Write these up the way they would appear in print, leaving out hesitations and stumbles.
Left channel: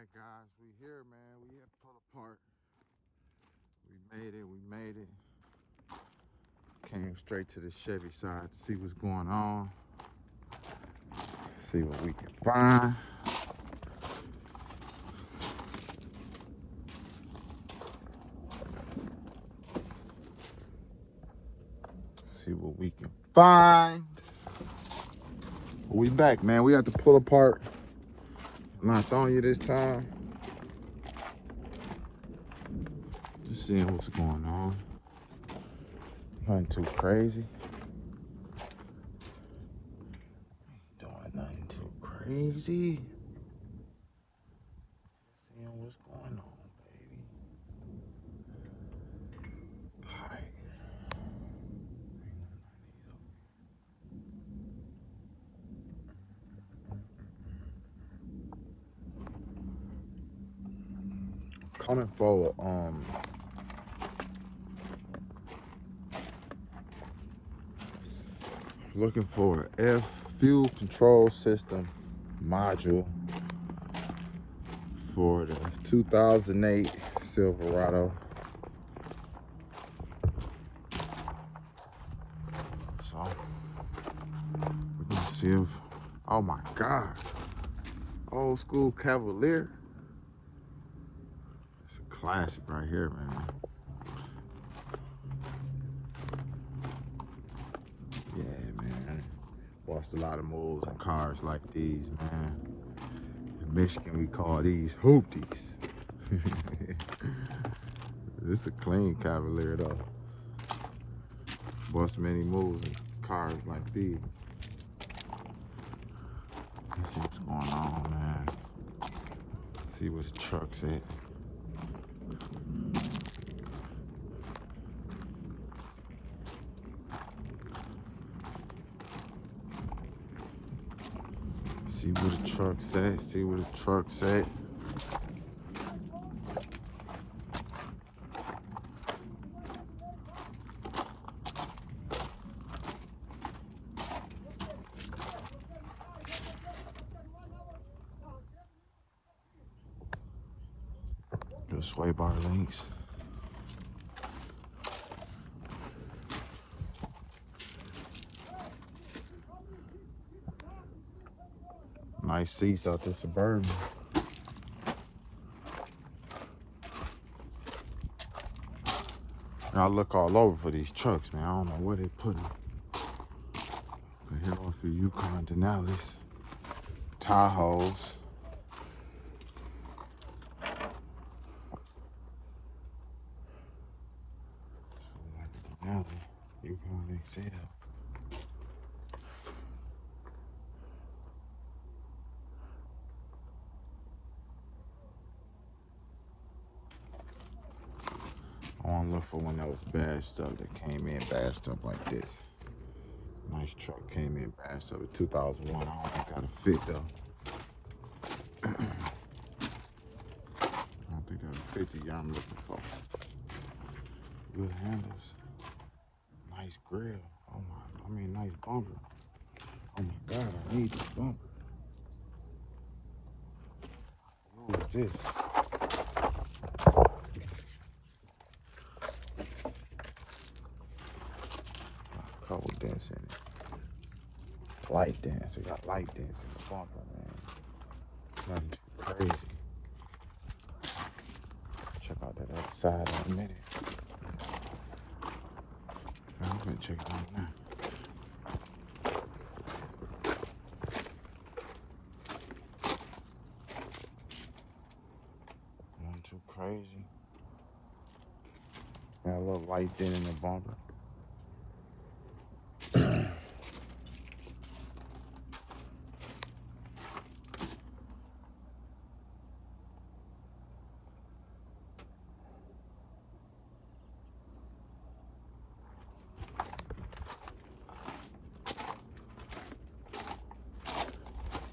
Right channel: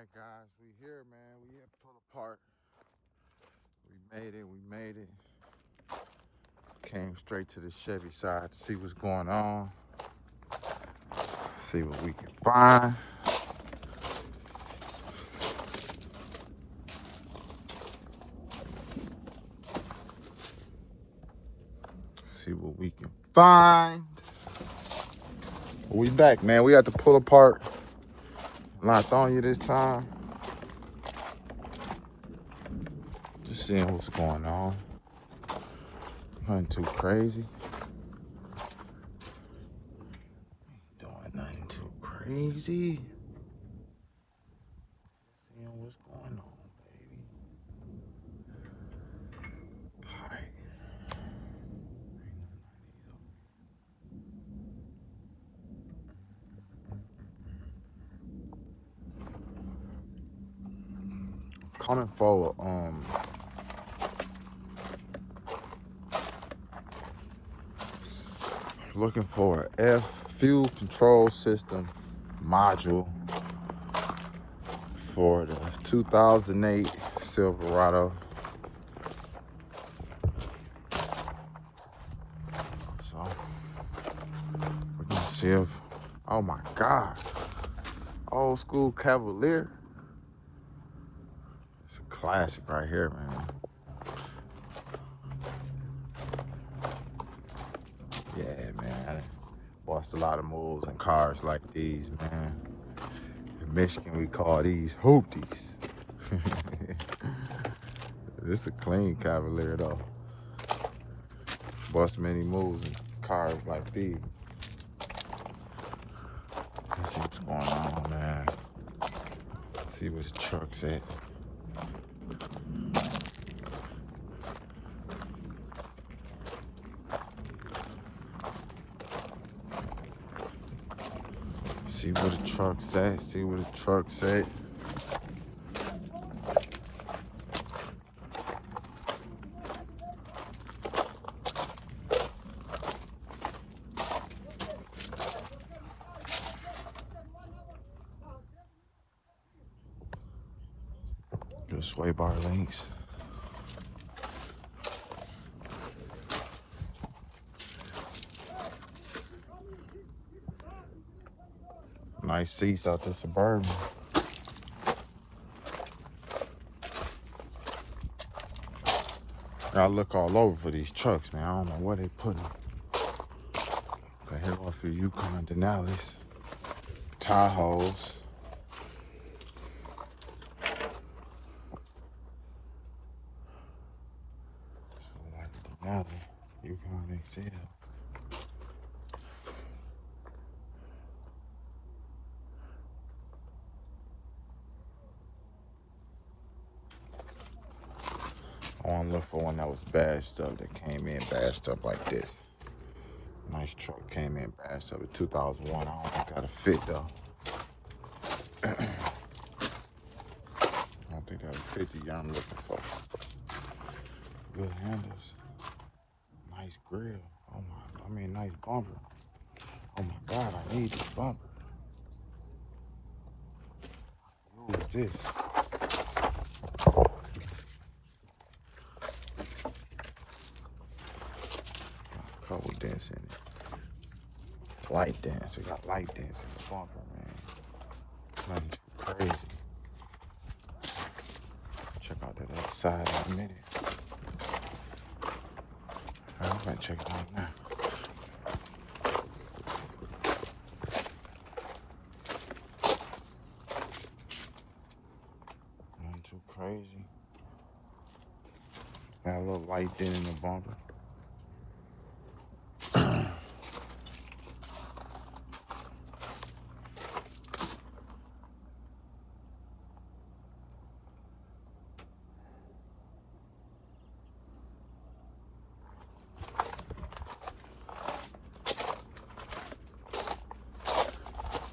right, guys, we here, man. We had to pull apart. We made it. Came straight to the Chevy side to see what's going on. See what we can find. See what we can find. We back, man. We had to pull apart. Not on you this time. Just seeing what's going on. Nothing too crazy. Doing nothing too crazy. Seeing what's going on, baby. Alright. Coming forward, looking for an F fuel control system module for the 2008 Silverado. So we're gonna see if, oh my God, old school Cavalier. It's a classic right here, man. Yeah, man. Watched a lot of moves in cars like these, man. In Michigan, we call these hoopties. This is a clean Cavalier, though. Bust many moves in cars like these. Let's see what's going on, man. See where the truck's at. See where the truck's at. See where the truck's at. Good sway bar links. Nice seats out this Suburban. I look all over for these trucks, man. I don't know where they put them. But here off your Yukon Denali's, Tahoes. So like Denali, Yukon XL. I want to look for one that was bashed up, that came in bashed up like this. Nice truck came in bashed up. A 2001. I don't think that'll fit though. I don't think that'll fit the guy I'm looking for. Good handles. Nice grill. Oh my, I mean nice bumper. Oh my God, I need this bumper. Who is this? Color dents in it. Light dents. It got light dents in the bumper, man. Nothing too crazy. Check out that other side in a minute. I'm gonna check it out now. Nothing too crazy. Got a little light dent in the bumper.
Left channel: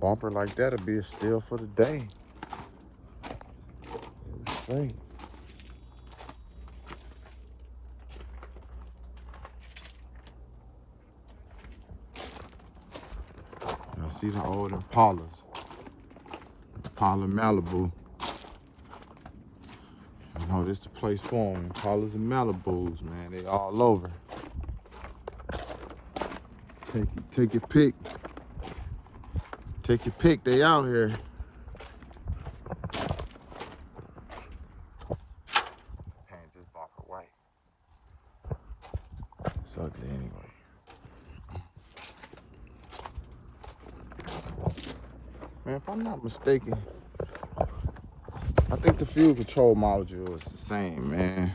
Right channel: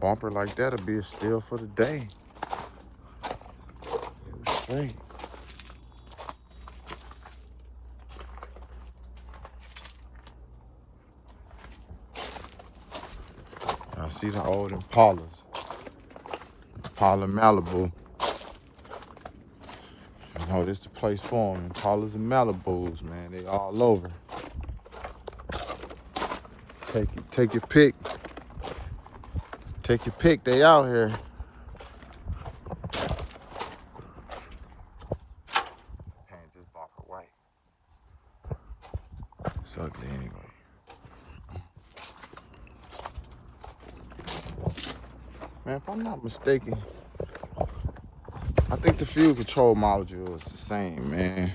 Bumper like that'll be a steal for the day. Straight. I see the old Impalas. Impala Malibu. You know, this the place for them. Impalas and Malibus, man. They all over. Take your pick. Take your pick. They out here. Paint this bumper white. It's ugly anyway. Man, if I'm not mistaken, I think the fuel control module is the same, man.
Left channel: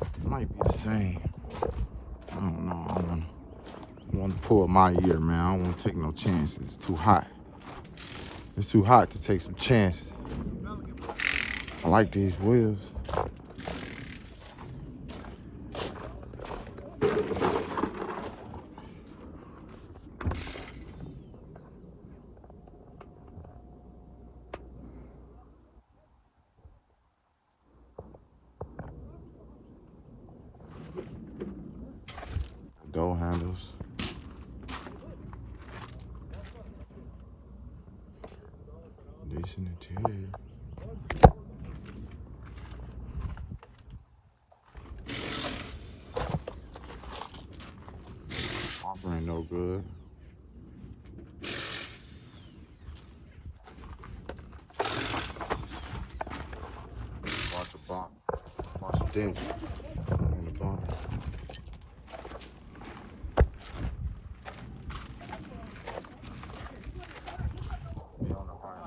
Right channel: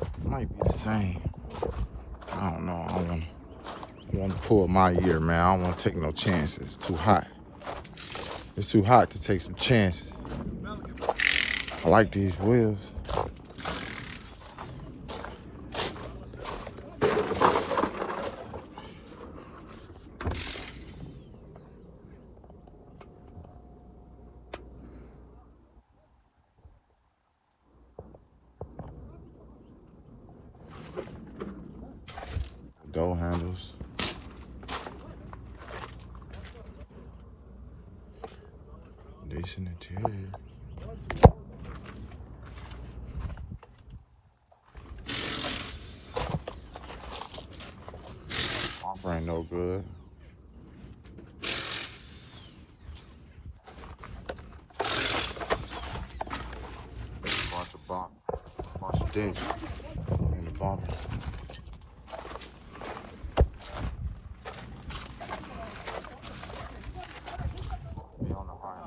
It might be the same. I don't know. I don't want to pull my ear, man. I don't want to take no chances. It's too hot. It's too hot to take some chances. I like these wheels. Door handles. Decent interior. Bumper ain't no good. Bunch of dents in the bumper.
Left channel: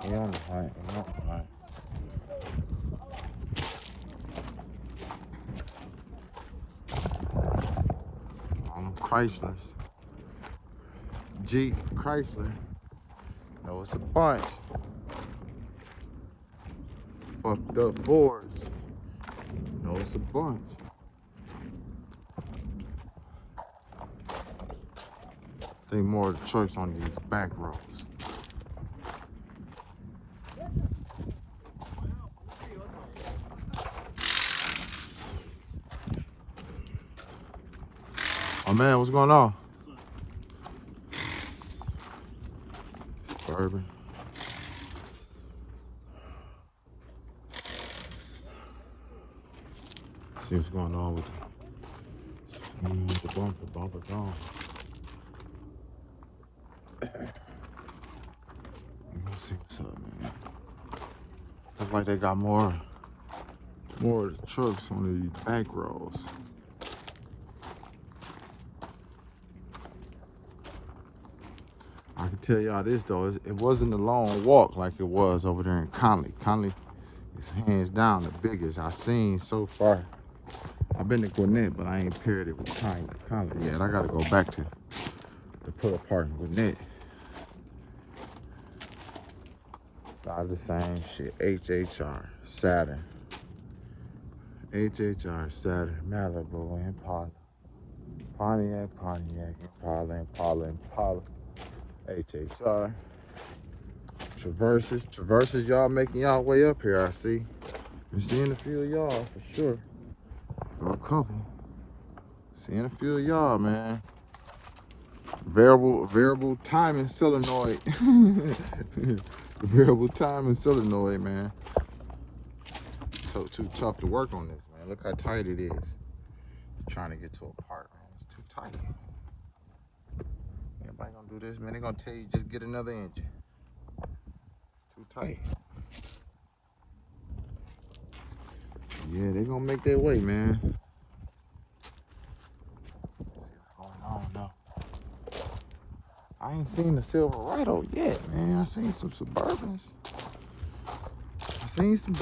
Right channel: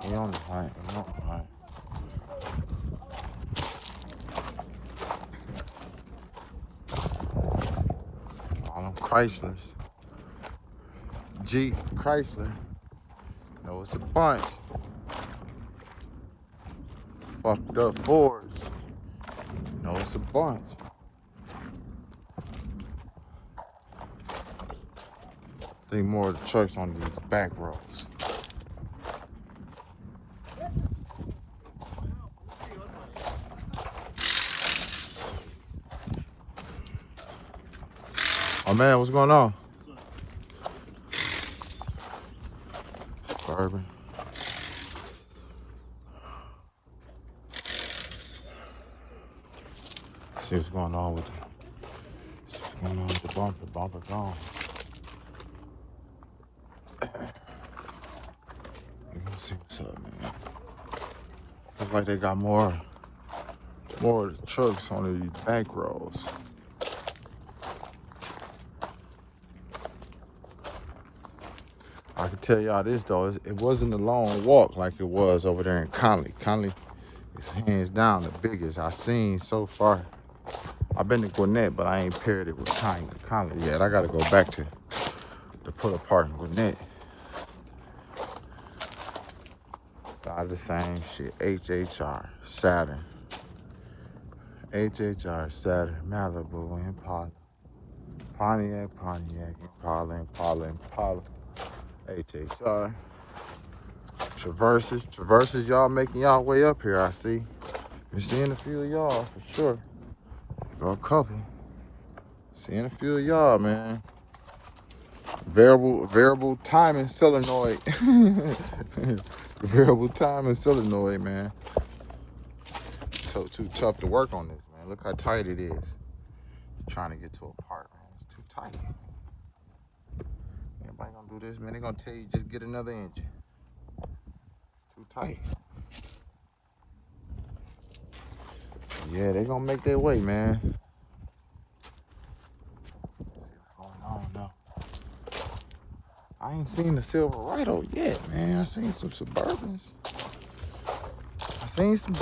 He on the height. All them Chryslers. Jeep Chrysler. No, it's a bunch. Fucked up Fords. No, it's a bunch. I think more of the trucks on these back roads. Oh man, what's going on? Suburban. See what's going on with it. What's going on with the bumper? Bumper gone. Let's see what's up, man. Looks like they got more of the trucks on these back roads. I can tell y'all this though, it wasn't a long walk like it was over there in Conley. Conley is hands down the biggest I've seen so far. I've been to Gwinnett, but I ain't paired it with Conley yet. I gotta go back to put apart in Gwinnett. Got the same shit. HHR, Saturn. HHR, Saturn, Malibu, Impala. Pontiac, Impala. HHR. Traverses, y'all making y'all way up here, I see. Been seeing a few of y'all for sure. Or a couple. Seeing a few of y'all, man. Variable timing solenoid. Variable timing solenoid, man. So too tough to work on this, man. Look how tight it is. Trying to get to a part, man. It's too tight. Everybody gonna do this, man. They gonna tell you just get another engine. It's too tight. Yeah, they gonna make their way, man. What's going on though? I ain't seen the Silverado yet, man. I seen some Suburbans. Seen some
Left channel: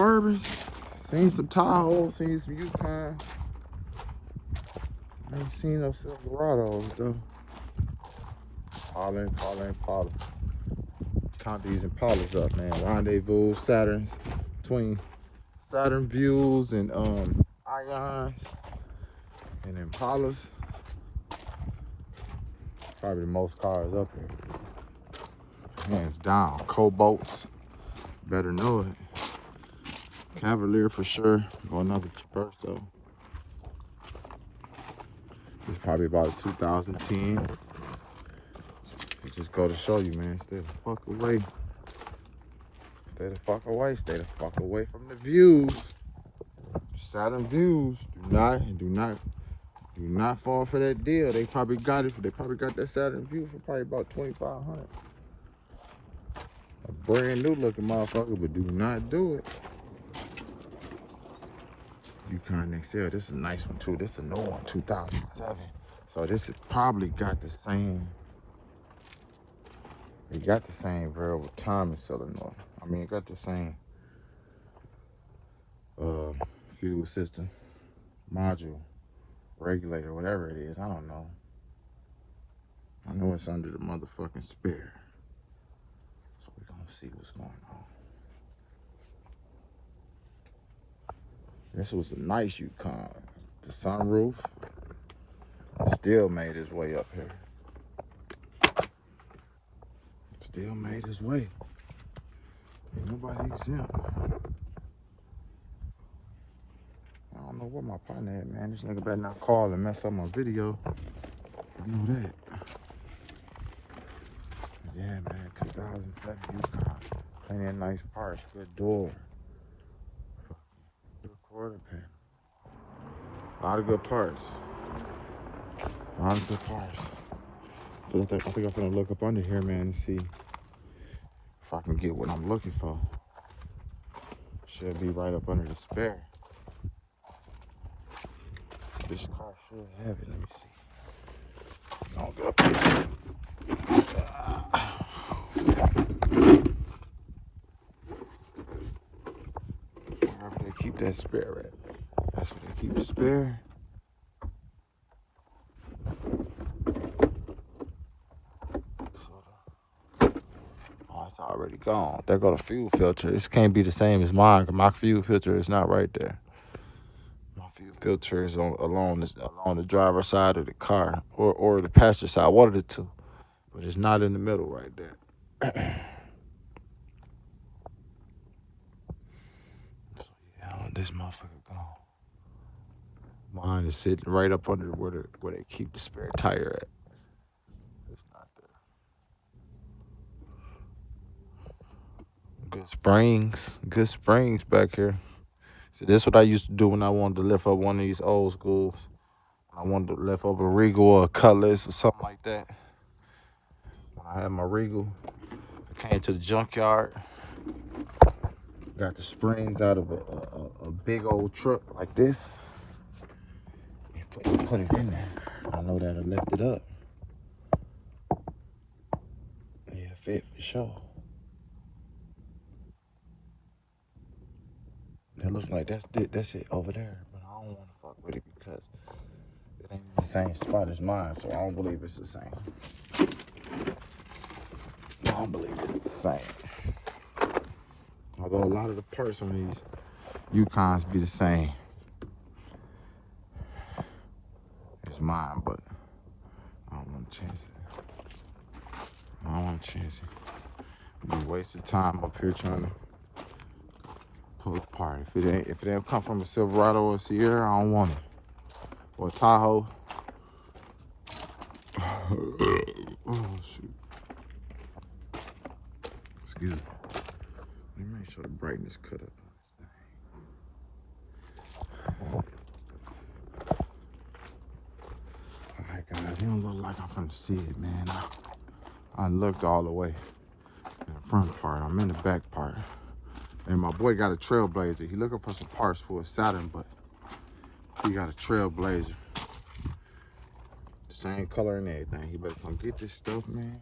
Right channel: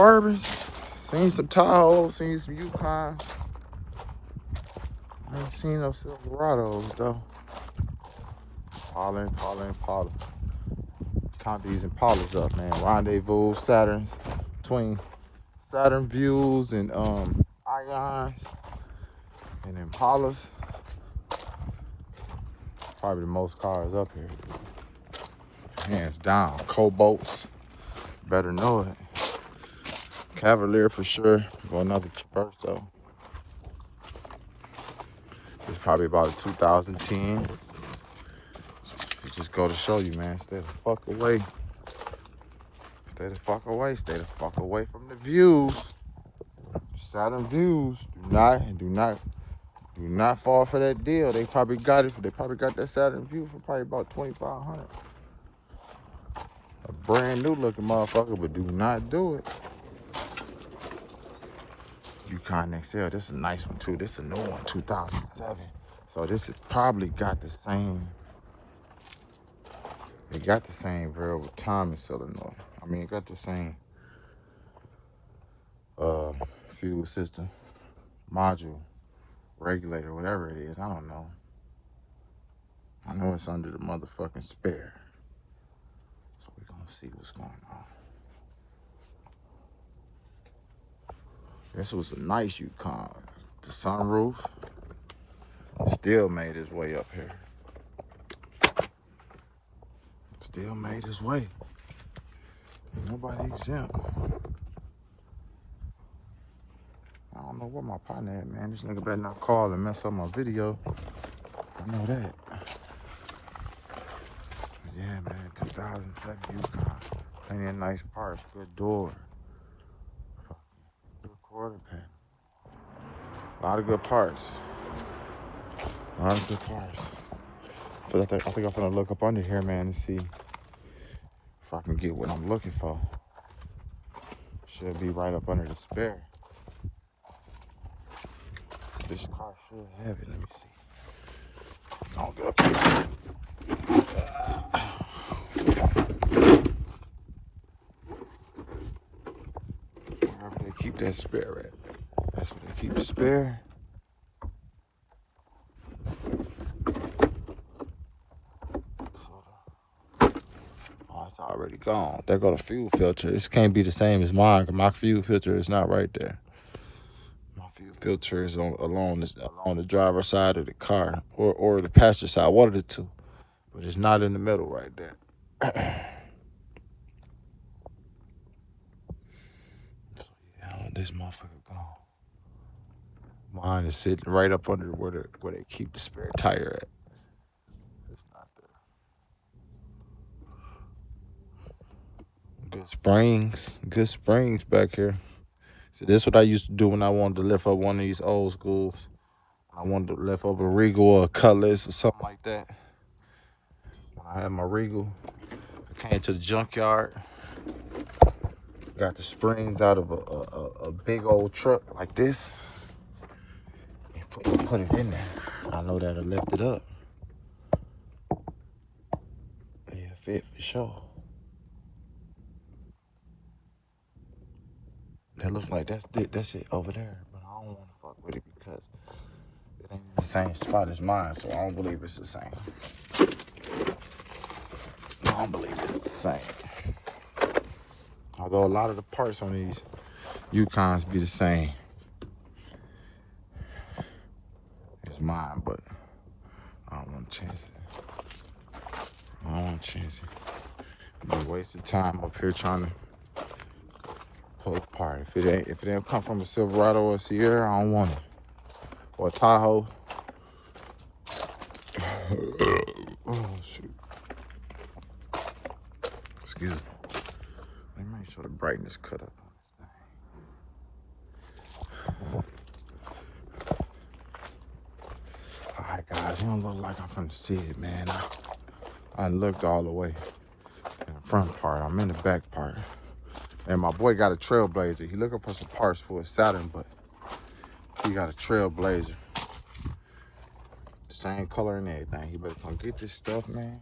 Tahoes, seen some Yukons. I ain't seen no Silverados though. Impala. Count these Impalas up, man. Rendezvous, Saturns, between Saturn Views and Ions and Impalas. Probably the most cars up here. Hands down. Cobalts. Better know it. Cavalier for sure. Go another Traverse though. It's probably about a 2010. It just go to show you, man. Stay the fuck away. Stay the fuck away. Stay the fuck away from the views. Saturn views. Do not fall for that deal. They probably got it. They probably got that Saturn view for probably about $2,500. A brand new looking motherfucker, but do not do it. Yukon XL. This is a nice one too. This is a new one, 2007. So this has probably got the same. It got the same variable timing solenoid. I mean, it got the same fuel system, module, regulator, whatever it is. I don't know. I know it's under the motherfucking spare. So we're gonna see what's going on. This was a nice Yukon. The sunroof still made his way up here. Still made his way. Ain't nobody exempt. I don't know where my partner at, man. This nigga better not call and mess up my video. I know that. Yeah, man, 2007 Yukon. Plenty of nice parts. Good door. Good quarter panel. A lot of good parts. A lot of good parts. But I think I'm gonna look up under here, man, and see if I can get what I'm looking for. Should be right up under the spare. This car should have it. Let me see. Don't get up here. Wherever they keep that spare at. That's where they keep the spare. Oh, it's already gone. There go the fuel filter. This can't be the same as mine, because my fuel filter is not right there. My fuel filter is along the driver's side of the car, or the passenger side, one of the two. But it's not in the middle right there. Yeah, this motherfucker gone. Mine is sitting right up under where they keep the spare tire at. It's not there. Good springs back here. See, this is what I used to do when I wanted to lift up one of these old schools. I wanted to lift up a Regal or a Cutlass or something like that. When I had my Regal, I came to the junkyard. Got the springs out of a big old truck like this. And put it in there. I know that'll lift it up. Yeah, fit for sure. That looks like that's it over there. But I don't want to fuck with it because it ain't the same spot as mine, so I don't believe it's the same. I don't believe it's the same. Although a lot of the parts on these Yukons be the same as mine, but I don't want to chance it. It'd be a waste of time up here trying to pull apart. If it ain't come from a Silverado or a Sierra, I don't want it. Or a Tahoe. Oh shoot. Excuse me. Let me make sure the brightness cut up on this thing. Alright guys, you don't look like I'm finna see it, man. I looked all the way in the front part. I'm in the back part. And my boy got a Trailblazer. He looking for some parts for a Saturn, but he got a Trailblazer. Same color and everything. He better come get this stuff, man.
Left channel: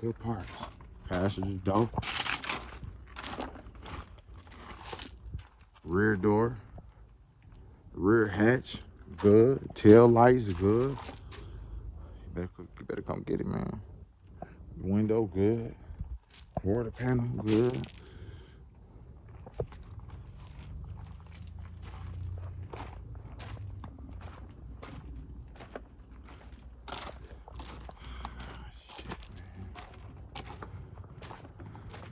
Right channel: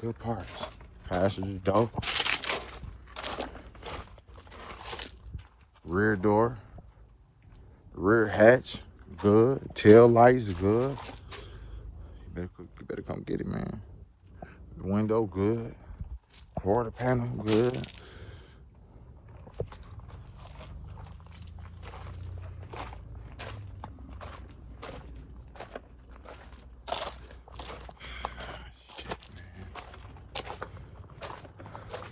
Good parts. Passenger door. Rear door. Rear hatch. Good. Tail lights good. You better come get it, man. The window good. Quarter panel good.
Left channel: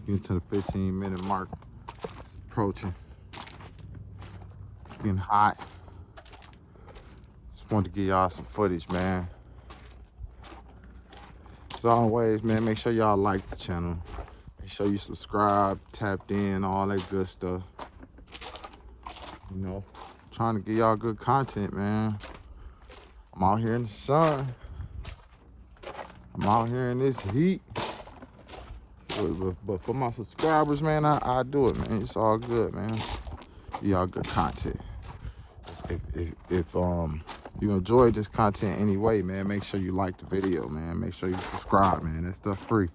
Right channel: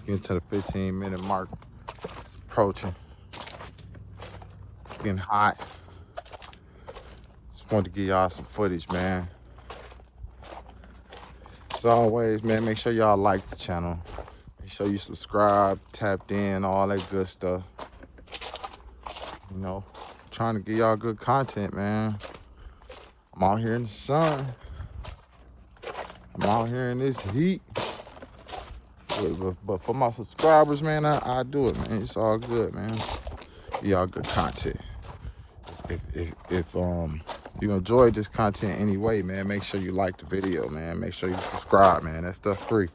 Getting to the 15-minute mark. It's approaching. It's getting hot. Just wanted to give y'all some footage, man. As always, man, make sure y'all like the channel. Make sure you subscribe, tapped in, all that good stuff. You know, trying to give y'all good content, man. I'm out here in the sun. I'm out here in this heat. But for my subscribers, man, I do it, man. It's all good, man. Y'all good content. If you enjoyed this content anyway, man, make sure you like the video, man. Make sure you subscribe, man. That stuff free.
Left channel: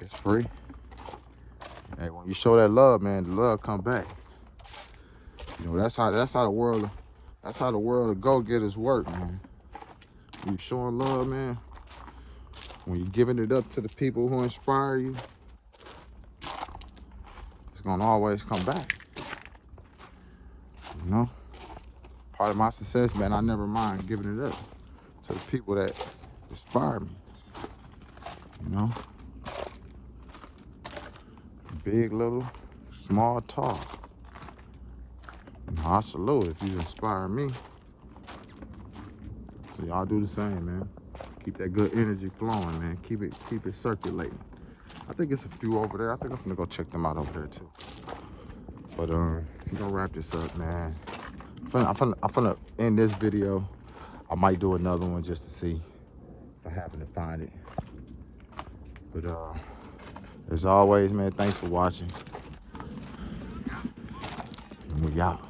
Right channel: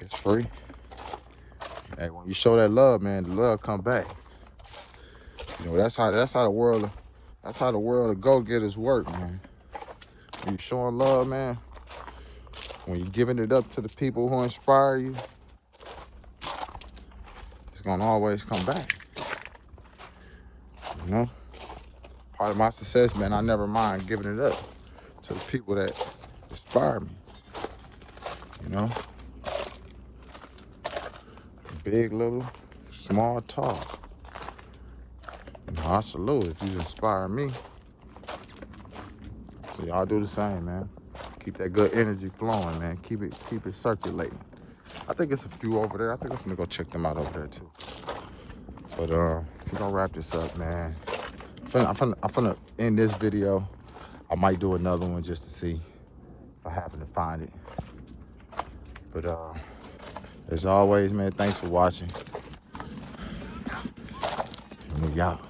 It's free. Hey, when you show that love, man, the love come back. You know, that's how the world of go-getters work, man. When you showing love, man, when you're giving it up to the people who inspire you, it's gonna always come back. You know? Part of my success, man, I never mind giving it up to the people that inspire me. You know? Big, little, small, tall. You know, I salute if you inspire me. So y'all do the same, man. Keep that good energy flowing, man. Keep it circulating. I think it's a few over there. I think I'm gonna go check them out over there too. But we're gonna wrap this up, man. I'm finna end this video. I might do another one just to see if I happen to find it. But as always, man, thanks for watching. Y'all.